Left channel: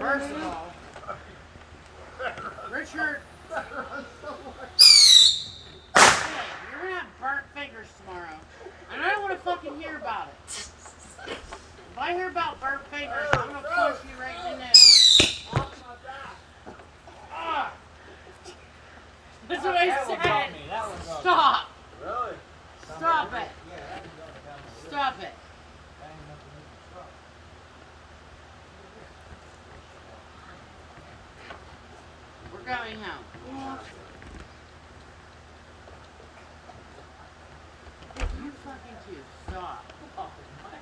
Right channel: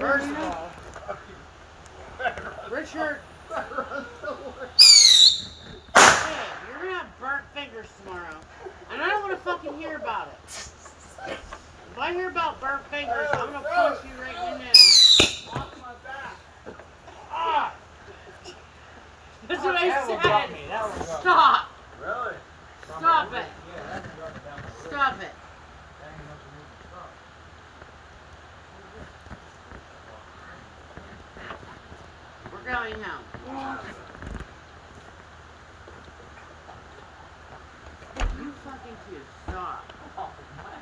First of all, Richard, hey, you're gonna have burnt fingers tomorrow, and I don't want to fucking hear about it. If I hear about burnt fingers, I'm gonna punch you right in the nose. Off my back. Ah! That's what I That one got me. said. That one got me. Stop. Really? Stop it. Yeah, that one got me down my wrist. Stop it. That ain't enough to make me stop. We're going home. You fucking too. Stop. Oh, man.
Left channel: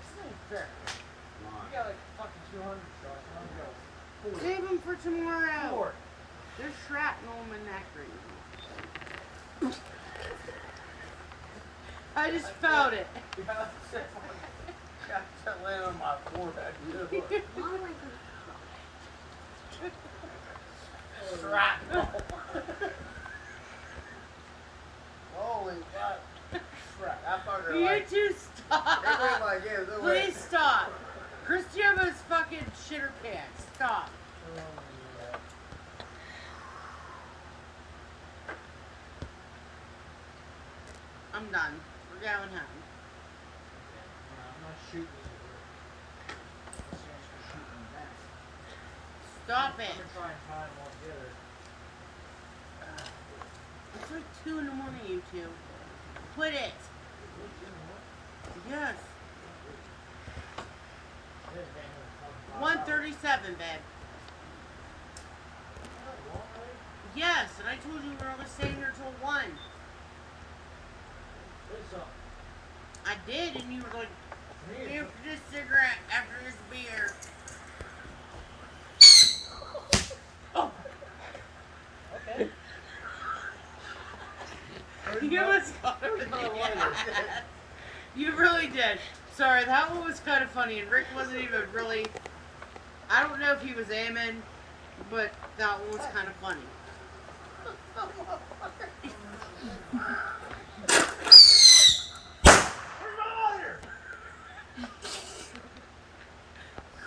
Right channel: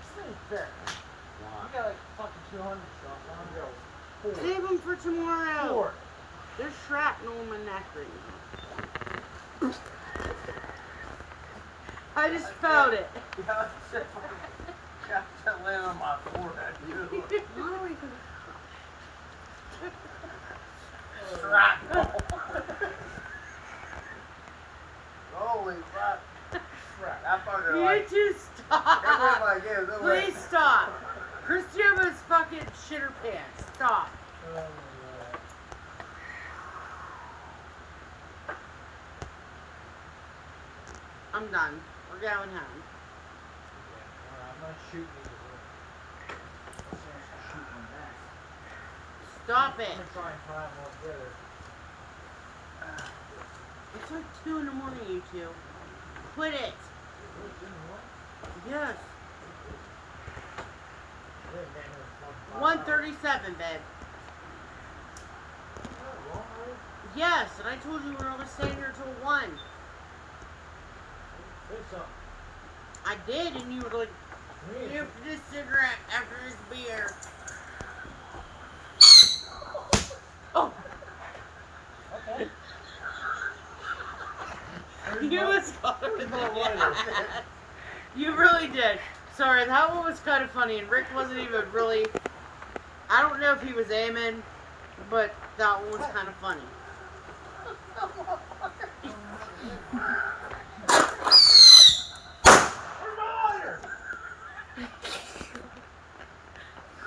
This ain't fair. You got like fucking 200 shots. I'm gonna go 4. Save them for tomorrow. 4. There's shrapnel in my neck right now. I just felt it. Yeah, that land on my forehead, you. Shrapnel. Holy crap. That fucker You like... two That stop. like, yeah, no way. Please stop. Cristiano's fucking shitter pants. Stop. I'm done. We're going home. Okay. Alright, I'm not shooting either way. Let's actually shoot one back. Stop I'm it. gonna try and tie them all together. It's like 2 in the morning, you two. Quit it. Yes. 1:37, babe. Yes, and I told you we were going to stay here till 1. I did, and you were like, here for this cigarette after this beer. Oh. Okay. You was You really did. Sorry, that one was kind of funny, and Rick wasn't even really... I don't know if he was aiming, but that one was kind of funny.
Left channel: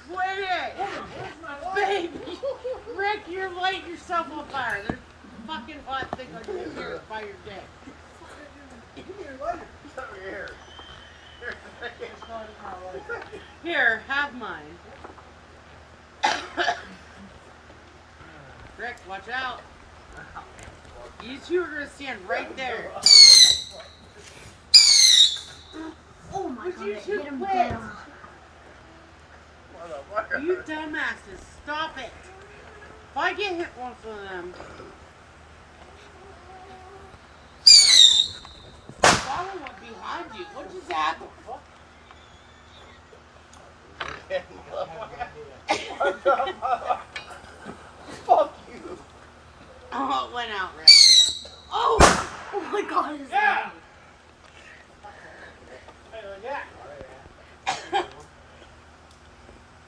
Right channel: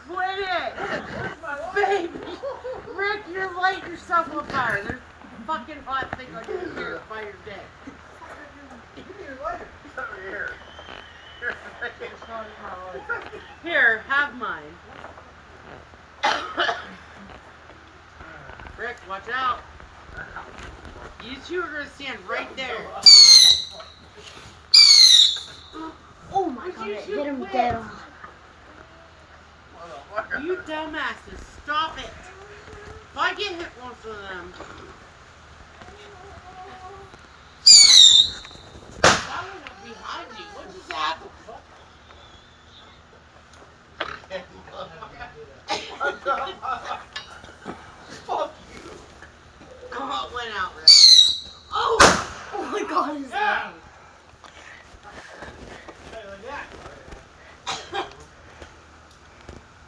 Quit it! Baby! Rick, you're lighting yourself on fire. There's a fucking hot thing on your hair by your dick. Give me your lighter. It's over here. Here, have mine. Rick, watch out. You two are going to stand right there. Oh my Would god, you two get him quit? down. You dumbasses, stop it. If I get hit once with them. That one went behind you. What just happened? Fuck you. Oh, it went out, Rick. Oh! Oh my god, his Yeah.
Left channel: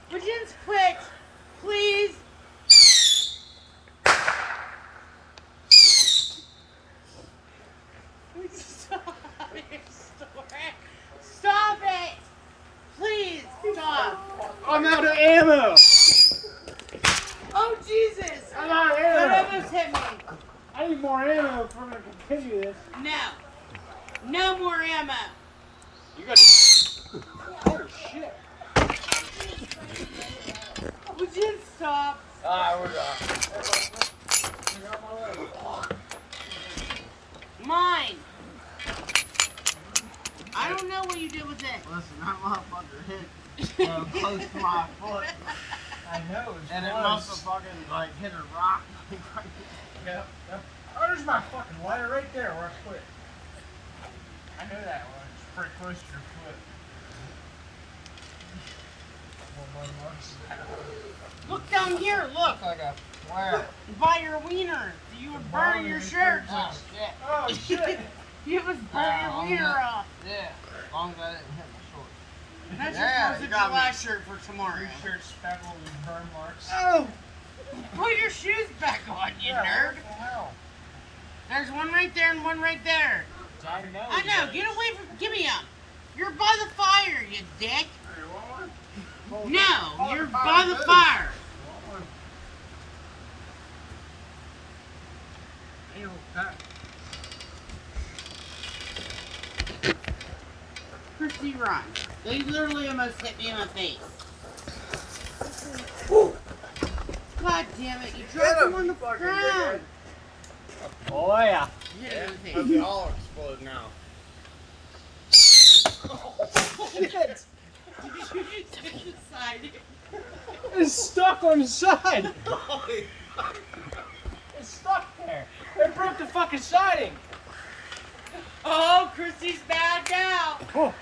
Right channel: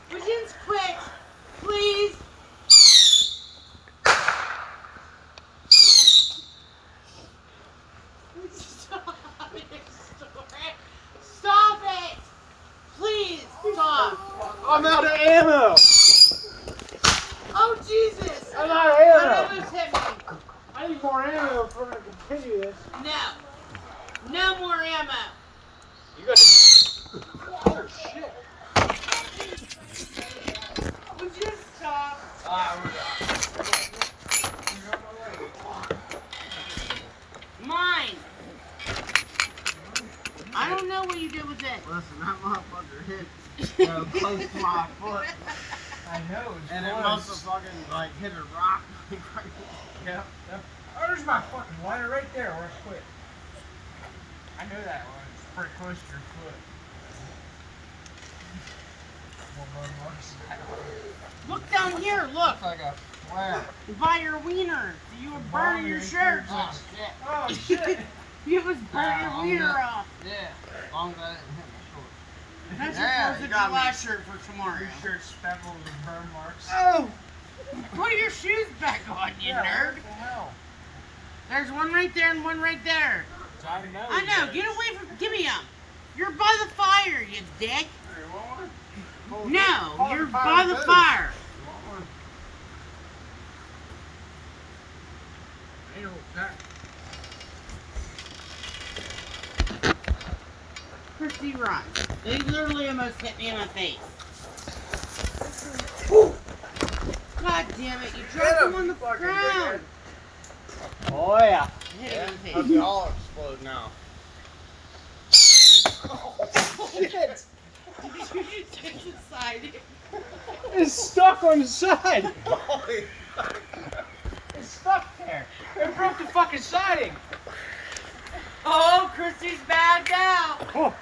Virgin's quick, please. Stop it. Stop it. Please, stop. I'm out of ammo. Oh, Jesus. I'm out of That ammo. almost hit me. I need more ammo if we're gonna continue this. No. No more ammo. You got to... Oh shit. Would you stop? We're done. Mine. I don't know what you did with it. Listen, that motherfucker hit close to my foot. I know. It's And it close. must have fucking like hit a rock. Yep. Oh, there's my fucking lighter right there where I quit. I know that one. It's pretty close to your foot. More blood marks. Look down here. Look. Looks like a flare. By your wiener. You were burning your shirt. Oh, shit. Oh shit! You was burning your wiener off. Yeah, as long as I didn't hit my shorts. That's Yeah, supposed to you be got me. last shirt for tomorrow. Your shirt's speckled with burn marks. Oh! Put your shoes back on, you Yeah, nerd. what the hell? There's one right there and one right there. I know. I know. Get away from. Give me them. You're by the fire, you you dick. Hey, you want one? No, you're by the fire. You want one? Ew, that. Christy, run. They literally almost hit me in my face. God damn it, you dropped them on the ground. Oh yeah. Hit him in the But face. they all explode now. Shit. You just hit the side. It's stuck on the side. It's stuck there. It broke the fucking siding. Oh, Christy's bad now. Oh,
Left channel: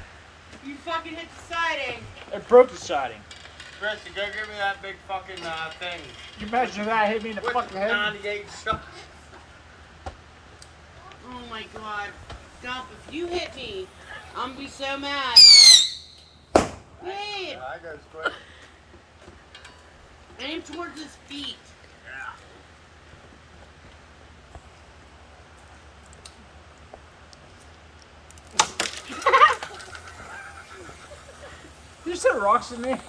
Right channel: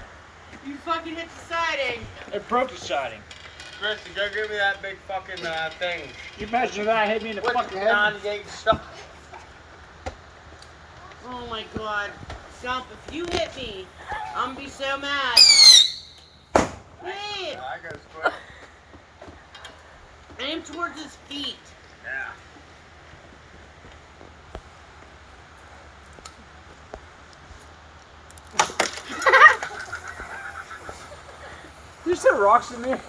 You fucking hit the siding. it broke the siding. Christy, go give me that big fucking thing. You imagine that hit me in the What's fucking the head? 98 stuff? Oh my god. Jump, if you hit me, I'm gonna be so mad. Hey, I goes quick. aim towards his feet. Yeah. You said rocks in there?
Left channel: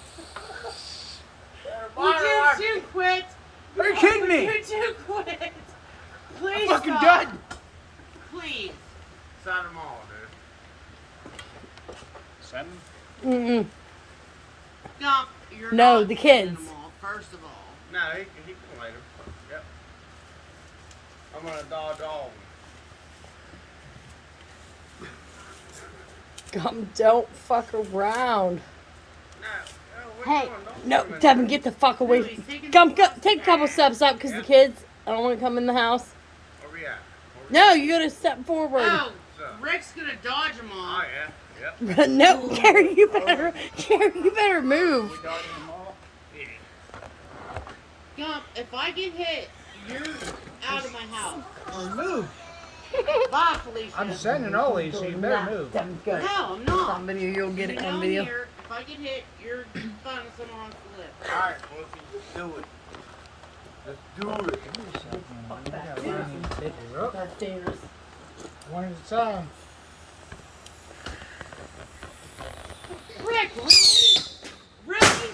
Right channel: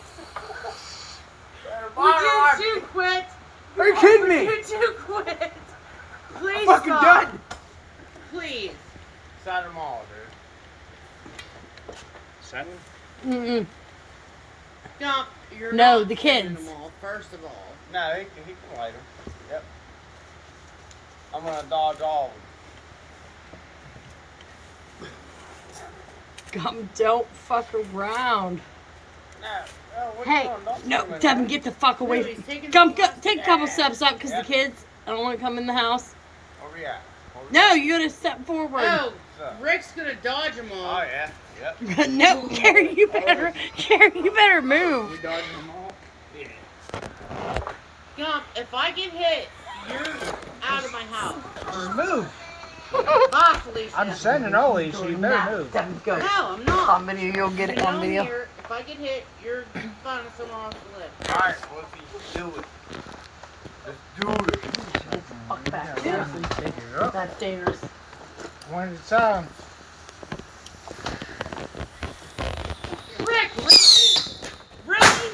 Would you two quit? Are you kidding me? Would you two quit? Please I'm fucking stop. done. Please. Send them all, dude. Send them? Mm-mm. Jump, you're No, not the kids. sending them all, first of all. No, he can light them. Yep. I'm gonna dodge all of them. Don't fuck around. No, what Hey, you doing? Don't no, put 'em in Devin, there. get the fuck away. Really, taking Come, the- take a couple steps up, because the kids, I don't want to come in the house. Where we at? No, you gotta step forward. Oh, So. Rick's gonna dodge them all. Oh yeah. Yep. No, Gary, you better move. You dodging them all? Yeah. Jump, if I get hit, you're out of my house. Just move. Bye, Felicia. I'm sending all these, so you better move. Devin, go. No, I'm not. On video, you'll get it on Down video. Here, if I get hit, you're finding somewhere else to live. Alright, Wolfie, do it. Let's do it. Fuck back. Yeah. Take it up. That's dangerous. One at a time. Rick, really? Really?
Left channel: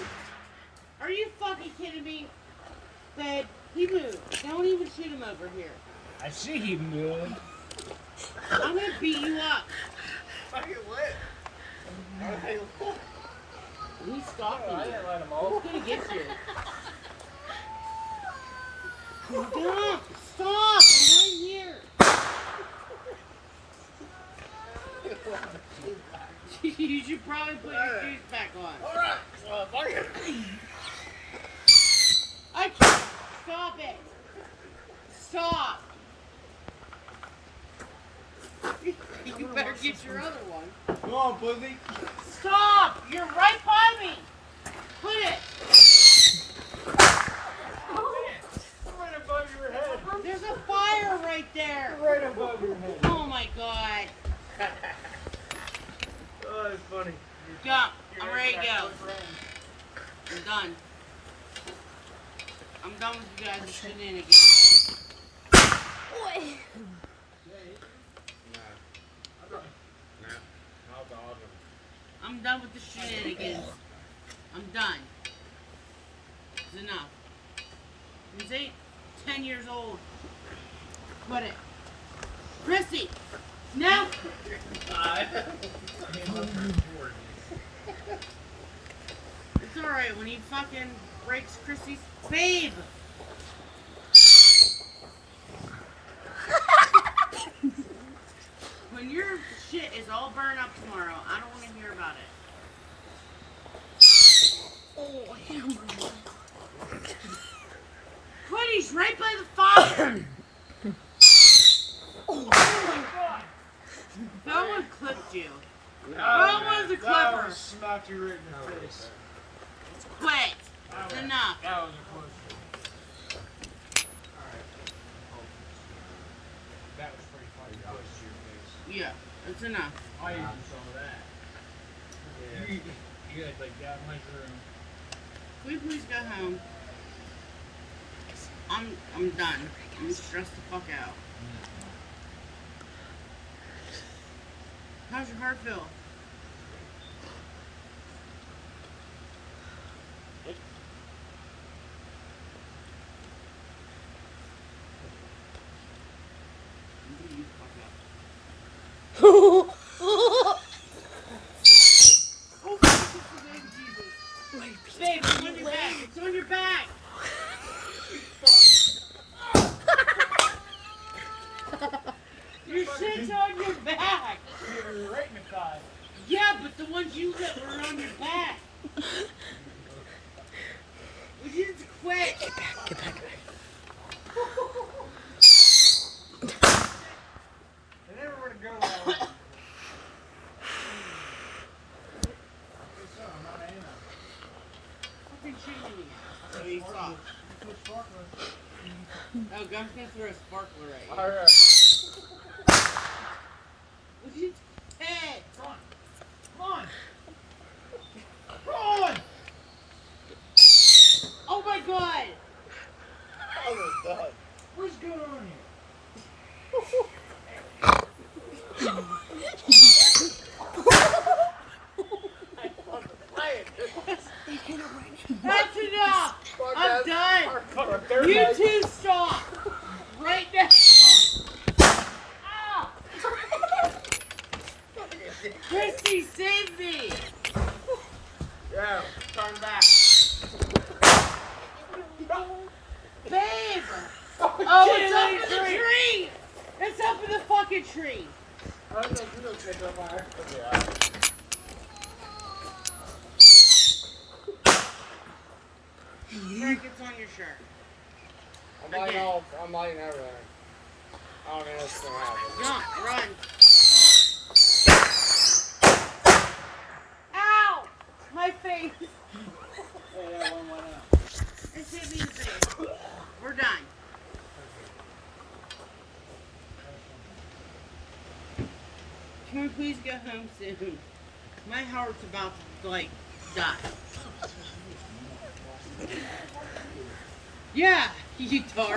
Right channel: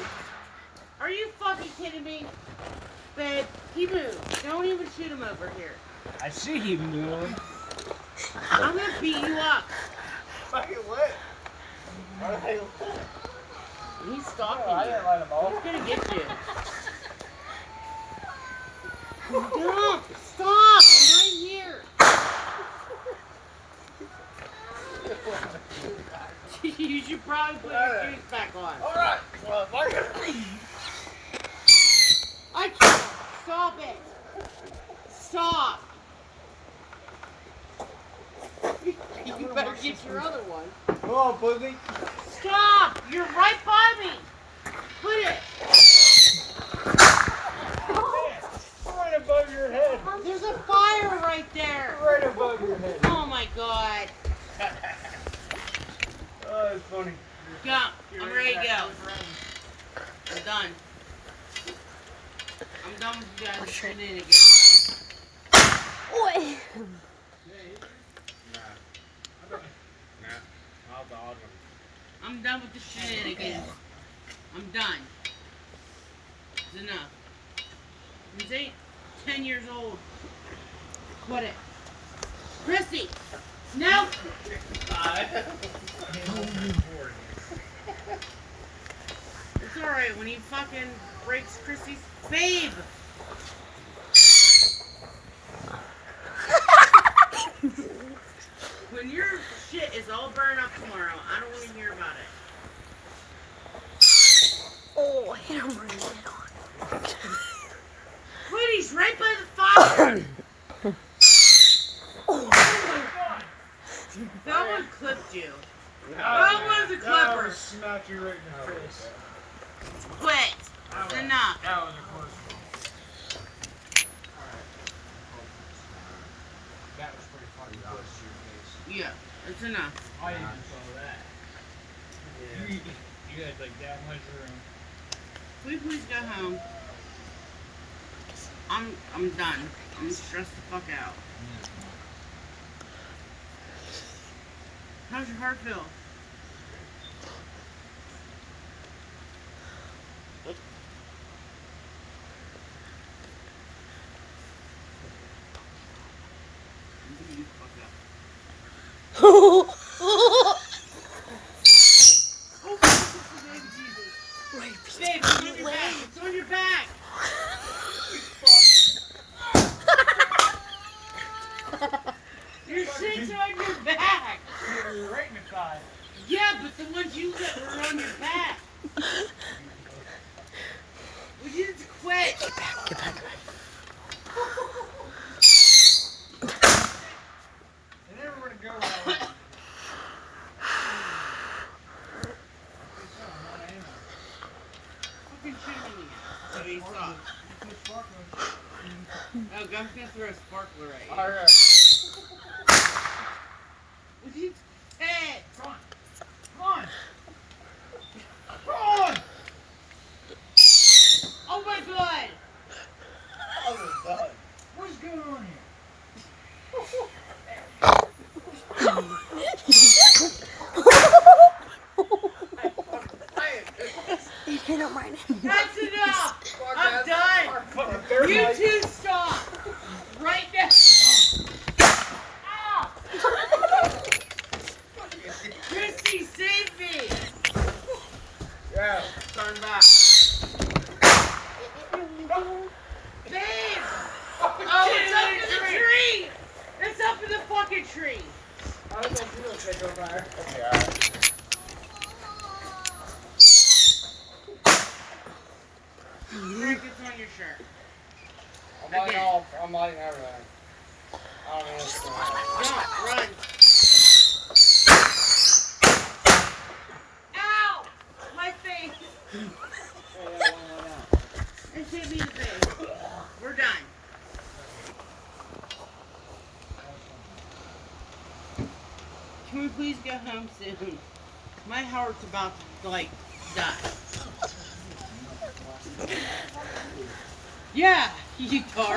Are you fucking kidding me? Babe, he moved. Don't even shoot him over here. I see him moving. I'm gonna beat you up. Fucking lit. Why are they lit? He's stalking Oh, I you. didn't light them all. He's gonna get you. Stop! Stop! I'm right here. You should probably put your shoes back on. Alright, motherfucker. I can't. Stop it. Stop. You better get your other one. Come on, pussy. Stop! You're right by me. Put it. Right above your head. There's a fire right there. Right above your head. Oh my god. Oh, it's funny. Jump. I'm ready to go. I'm done. I'm done with you guys' shenanigans. Nah. I'll dodge him. I'm done with the shenanigans. I'm done. It's enough. This ain't 10 years old. Quit it. Chrissy! No! It's alright when he fucking breaks Chrissy's babe! When your shit is all burned up tomorrow, I don't want to hear about it. Oh, hit him right now. Quit, he's right by the fire! Oh my God! That one clipped you. No, That one's a clipper. Smack you right in the face. Quit. It's enough. That was a close one. That was pretty fucking close to your face. Yeah, it's enough. I even saw that. Yeah. You had like that much room. Can we please go home? I'm done. I'm stressed the fuck out. How's your heart feel? Oh, baby Jesus. Babe, it's on your back. It's on your back. Your shit's on your back. You're right in the thigh. Yeah, but the ones you got were on your back. Would you just quit? Get back, get back, get back. They never would have go that way. Fucking shoot him in the ass. So he saw. Oh, I'm gonna throw a sparkler at you. Alright. Would you quit? Come on. Come on. Come on. Oh my god! Oh my god. What's going on here? I don't mind. That's enough! Fuck I'm that. done! Fuck that. You two stop! Right now! Ow! Christy, save me! Yeah, turn back. Babe! Oh, it's up in the tree! It's up in the fucking tree! I was like, you don't catch on fire. Okay, alright. Rick, it's on your shirt. I'm lighting everything. I don't know what's going on. Jump, run. Ow! My face! Oh, yeah, one out. It hit me in the face. We're done. Can we please go home soon? My heart's about to, like, die. Yeah, you tart.